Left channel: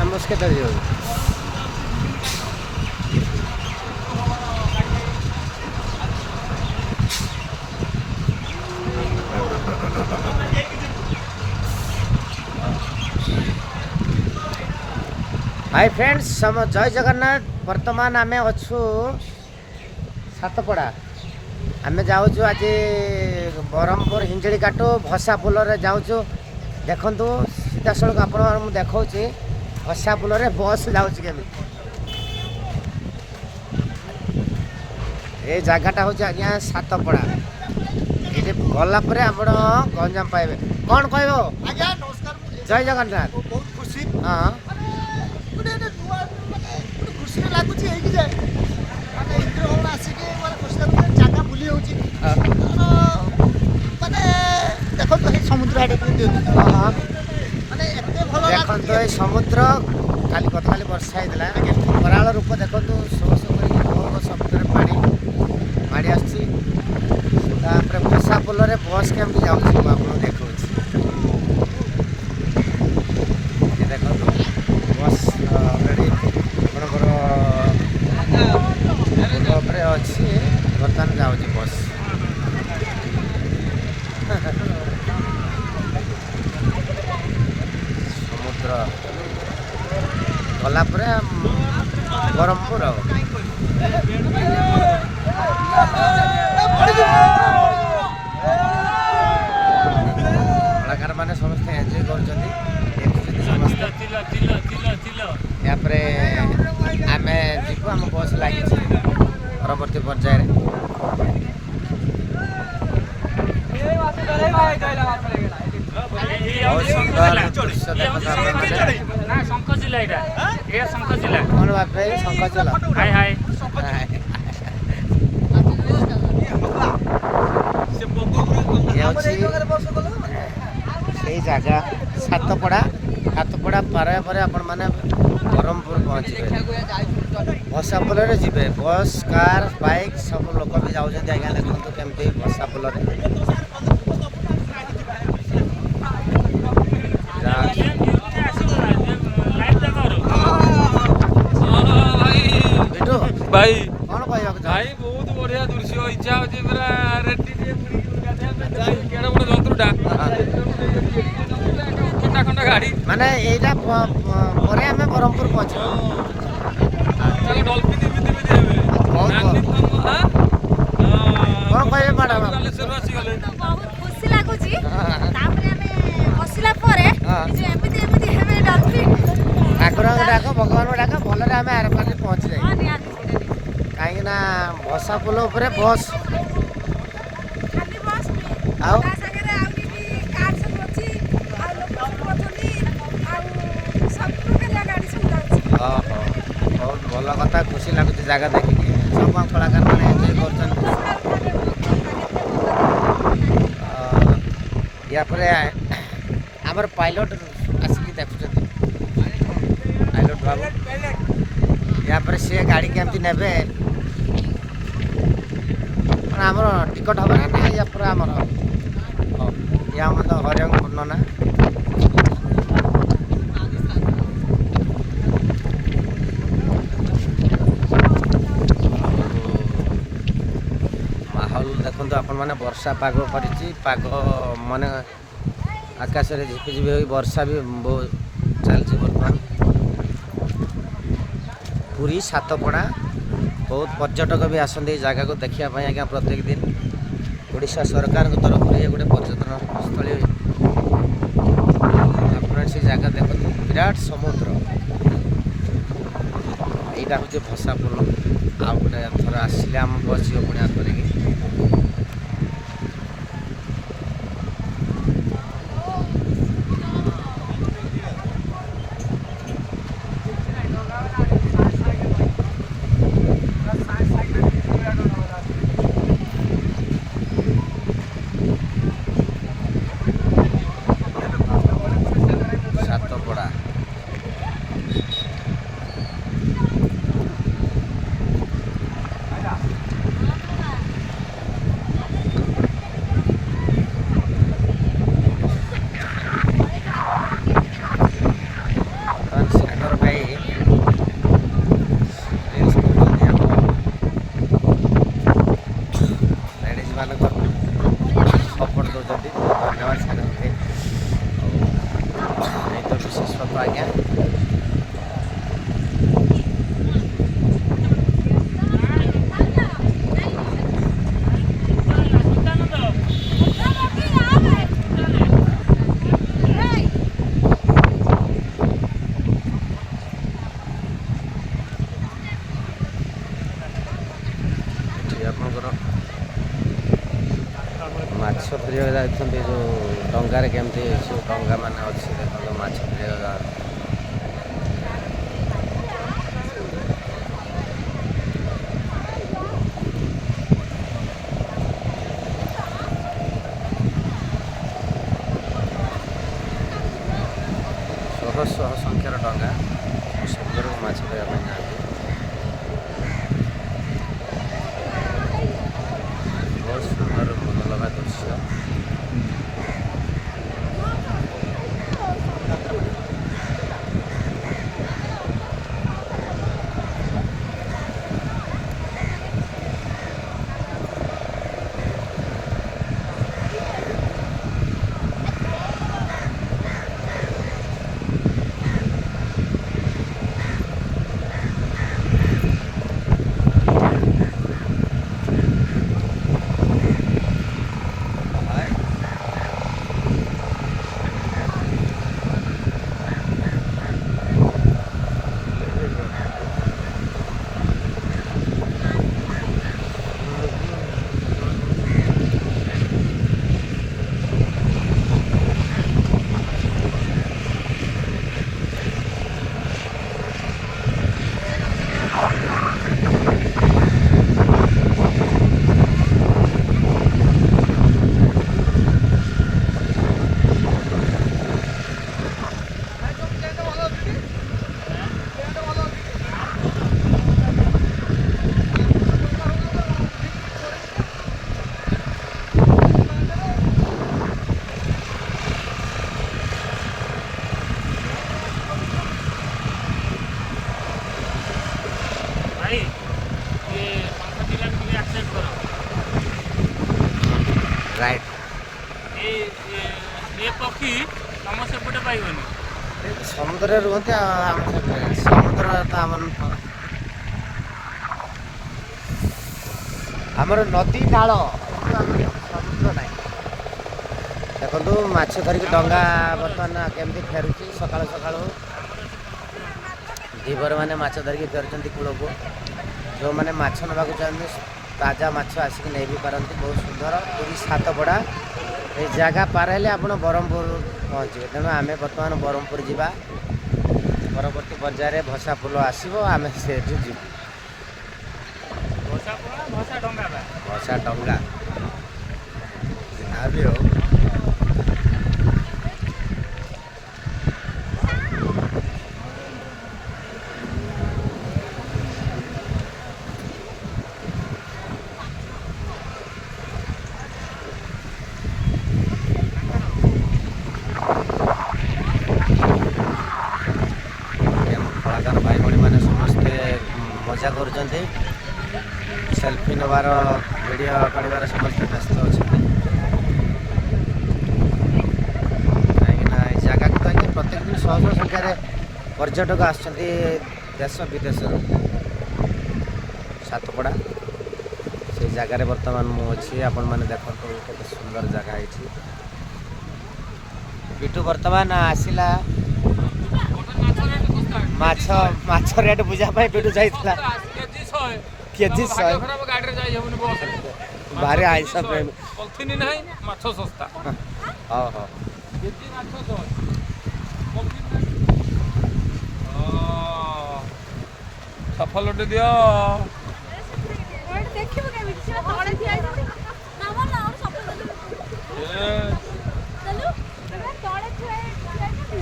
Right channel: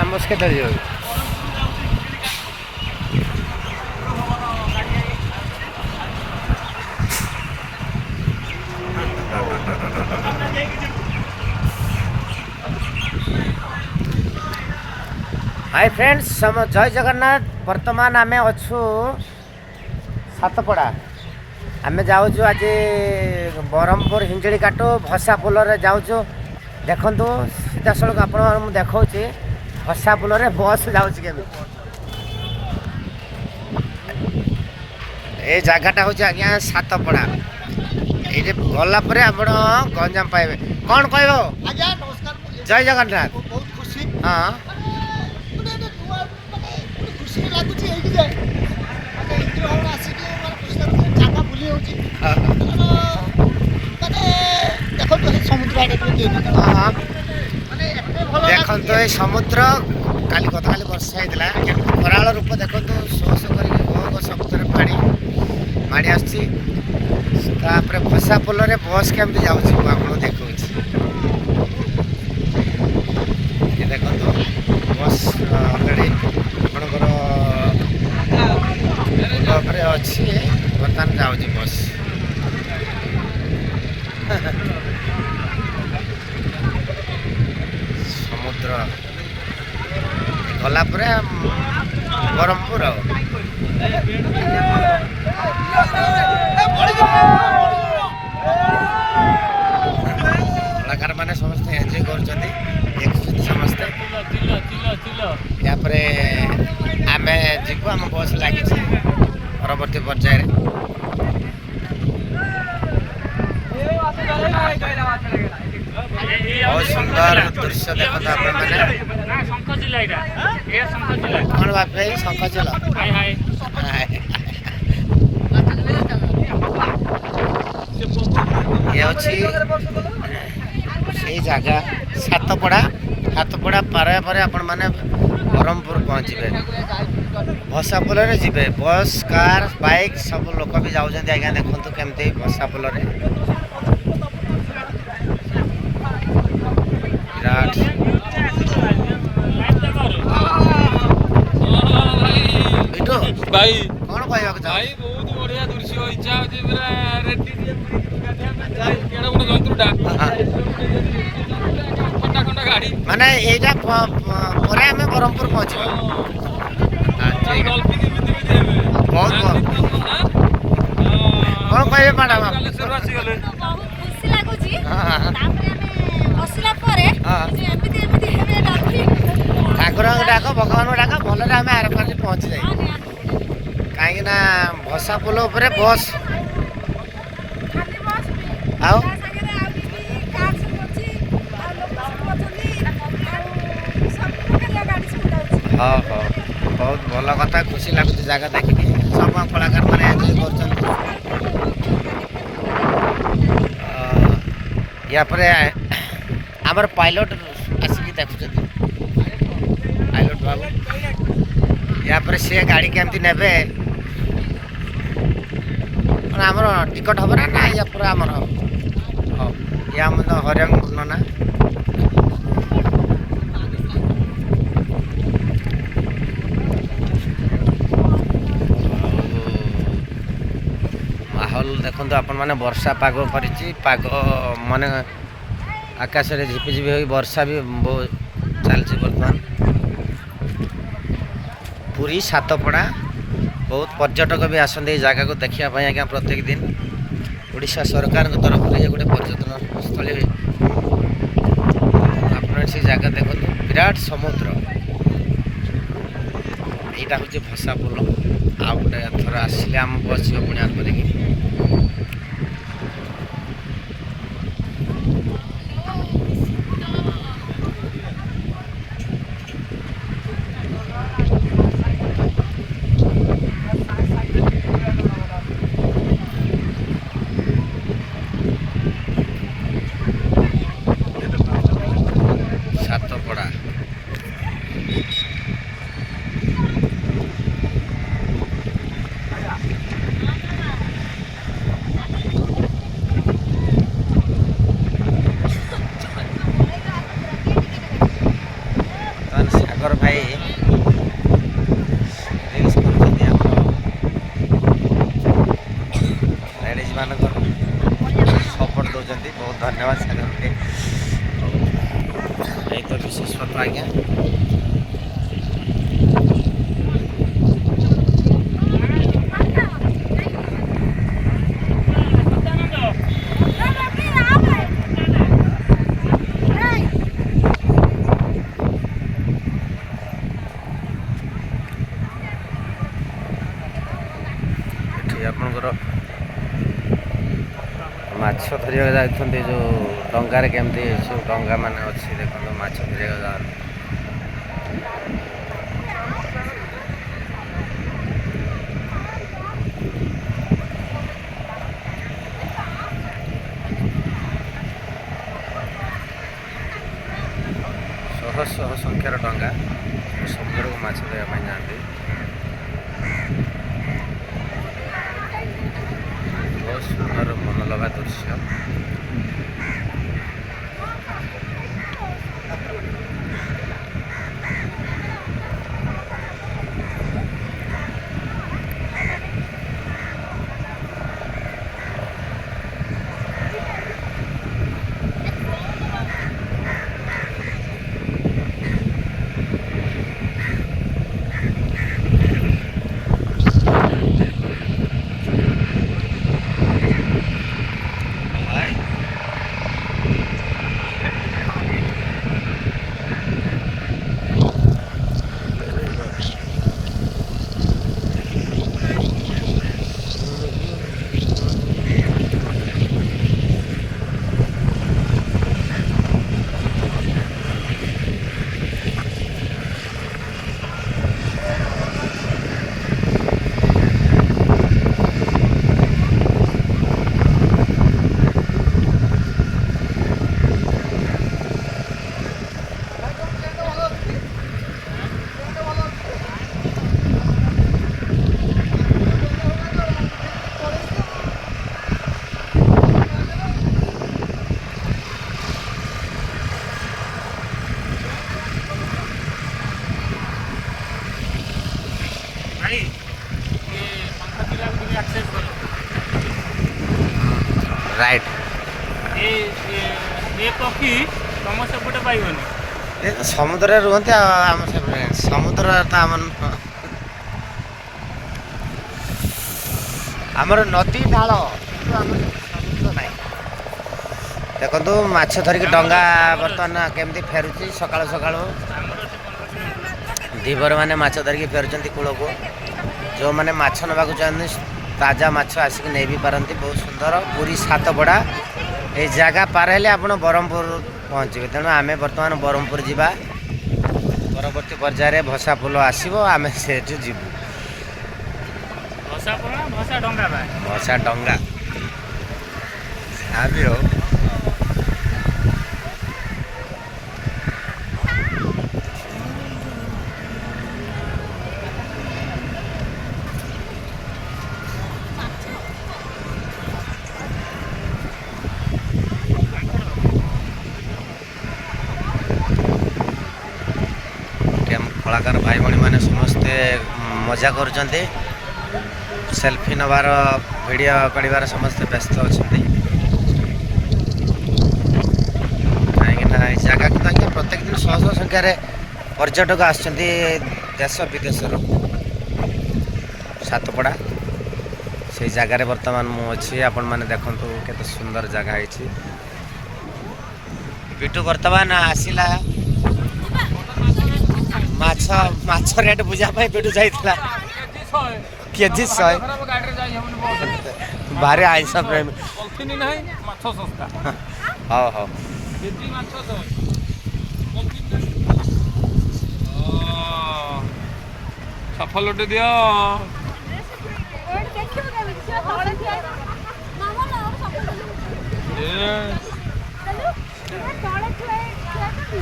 आमस के दरी hi friends जय जगन्नाथ। वर्तमान आम अच्छु सातपड़ा आम जाऊँ आज ब्रह्मपुर हिंजड़ी काटू भसा पुल जाऊँ देखु सीधा सड़क आप देखा भसा पुल बस जाऊँगी ये जगटा हूँ आज्ञा सातपड़ा ये गला आप गंजाम पाइबे कौन कह जय जगन्नाथ हाँ समुद्र देखो ये समुद्र काली गत काली वर्षा होता कराल रूप देखो शो शो कर समुद्र पानी माड़ी आसपर भसा पुल बस केमती जाऊँ आप देखो देखो बस अलरेडी आपणकर पुल अच्छी बर्तमान जाऊँ बस समुद्र गला ब्रह्मपुर कलाकार मैंने समस्त एंजॉय कर समस्ते यापर आम जीव आम बस लगी परवर्ती पर्यायर बहुत सुंदर दृश्य देखते कौन बाप भाई शंख चिल ये जगह सातपड़ा सातपड़ा पार पर आपण मैंने ब्रह्मपुर पहुँचे भसा पुल जी बस कार बाइक सब लोक भी जाऊँ आज्ञा देखु केमती भसा पुल भाई कौन कह भाई बहुत बढ़िया दृश्य इच्छा होची पूरा रेडी केड़ा गोटे जंतुटा खंडा खंडा गाड़ी माने एटा परे हमें ब्रह्मपुर पहुंचे गल्पी की बिते बिते हेबे बहुत कौन कहबे मैडम सर्वासी गले बहुत खुशी लागुची तापरे हमें बसिला परे जे एमिति एमिति हेबे डाकी ठाकुर डाक भगवान डाक भल आम आर पार पहुँची जाए कहीं भसा पुल उपर बस खाली बस आओ ता संगे आउनी कार सब अछि आ लोक सब अछनी आ सब प्रकार गाड़ी सब जाउछि हाँ हाँ बहुत भल कथा खुशी लगुच जगह देखिए सब कलाकार मैंने एंजॉय कर पायलट आसिक देखुं पायलट बाबू यापर सी गाड़ी केमती नेबे आमर टिकट हम ना या पूरा आमर ये आम हरिंग पूर्ण माहौल देखो आपण मैंने वर्षा पाग कर पाग माने आकाश में झिपिझिपि हो वर्षा भी चलती बर्तमान पुरी सातपड़ा बहुत पर्यटक भी आसते जगह को देखापी आज्ञा प्रत्येक दिन ओडिशा सरकार तरफ ये गोटे पर्यटन स्थली आप से जगह देखते विराट समुद्र यहाँ हूँ भसा पुल आउ गोटे थर आसिले आम बस पुणी आगे सातपड़ा ବିଶେଷତ୍ୱ ଆଜ୍ଞା। ଏଠି ଆପଣଙ୍କର ମାଛ ଧରିବାକୁ ଯାଉଛନ୍ତି ଯେଉଁ ଡଙ୍ଗାରେ କେମିତି ସବୁ ଡଙ୍ଗା ମାନେ ଅଛି ଦେଖନ୍ତୁ ମାଛ ଧରିବାକୁ ଯାଆନ୍ତି। ଶହ ଶହ ସଂଖ୍ୟାର ଡଙ୍ଗା ସମୁଦ୍ରକୁ ମାଛ ଧରିବା ପାଇଁ ଯାଆନ୍ତି। ବହୁତ ସୁନ୍ଦର ମନଲୋଭା ଦୃଶ୍ୟ। भाई ये पंखा जिला में मुझे एक्सेस करो। राइट ये पक्षी तुम सेपटे पाइबनी। ସମୁଦ୍ରରେ ରୁହନ୍ତି ଆଉ ଆମ ସମୁଦ୍ର ତ ଆମ ନୁହଁ। ଆମର ନଦୀ ନାଳ କିନ୍ତୁ ଆମର ସମୁଦ୍ର ନାହିଁ। ଦେଖନ୍ତୁ ମାଛ ଧରିକି ଡଙ୍ଗା ବର୍ତ୍ତମାନ କେମିତି ଫେରୁଛି ସକାଳୁ ସକାଳୁ। ଧୀବର ମାନେ ମାଛ ଧରିକି ଫେରୁଛନ୍ତି କୂଳକୁ। ଯେଉଁମାନେ ମାଛ ନେବାକୁ ଚାହାନ୍ତି ତାଜା ମାଛ ଆସିକି ନେଇ ବି ପାରନ୍ତି। ବହୁତ ସୁନ୍ଦର ପୁରୀ ସାତପଡ଼ା ଏଇ ଜାଗା ପାର ହେଲେ ଆପଣ ବ୍ରହ୍ମପୁର ପହଞ୍ଚିବେ। ତେଣୁ ଆମେ ବର୍ତ୍ତମାନ ବ୍ରହ୍ମପୁର ଯିବା। ପରବର୍ତ୍ତୀ ପର୍ଯ୍ୟାୟରେ ଭସା ପୋଲ ଆସିବ, ଆମେ ସେଠୁ ଯିବୁ। ଭସା ପୋଲ ନା ଭସା ଡଙ୍ଗା ବା? ଭସା ଡଙ୍ଗା ଯାହା ବି ହଉ। କଳାକାର ଭାଇ ଭଉଣୀମାନେ ସମସ୍ତେ ମଜା କରୁଛନ୍ତି। ସେଲ୍ଫି ନେବାର ଭିଡ଼ିଓ କାଢ଼ିବାର ସମସ୍ତେ ବ୍ୟସ୍ତ ଅଛନ୍ତି। କାହିଁକିନା ଏଇ ଜାଗାକୁ ତ ଆଜ୍ଞା ପ୍ରତ୍ୟେକ ଦିନ ଶହ ଶହ ସଂଖ୍ୟାରେ ପର୍ଯ୍ୟଟକ ଆସୁଛନ୍ତି ଦେଶ ବିଦେଶରୁ। ସାତପଡ଼ା ସେଇ ଜାଗାରେ ବର୍ତ୍ତମାନ ମୁଁ ଅଛି। ଆପଣମାନେ ଦେଖନ୍ତୁ କେତେ ସୁନ୍ଦର ଜାଗା ହେଇଛି। ବିଟୁ ବର୍ତ୍ତମାନ ଆସିଲା ମାଛ ରେଟ୍ ବୁଝିବା ପାଇଁ ବିଟୁ ଯାଇଥିଲା। କେଜି 100 ଭାରି ଆଇଁଷ ପ୍ରେମୀ। ମାଛ ଶସ୍ତା। ହଉ ହଉ କେଜି ମାଛ 100। ସଫଲଟେ ଦିଅ। ଦେଖିବୁ କେମିତି?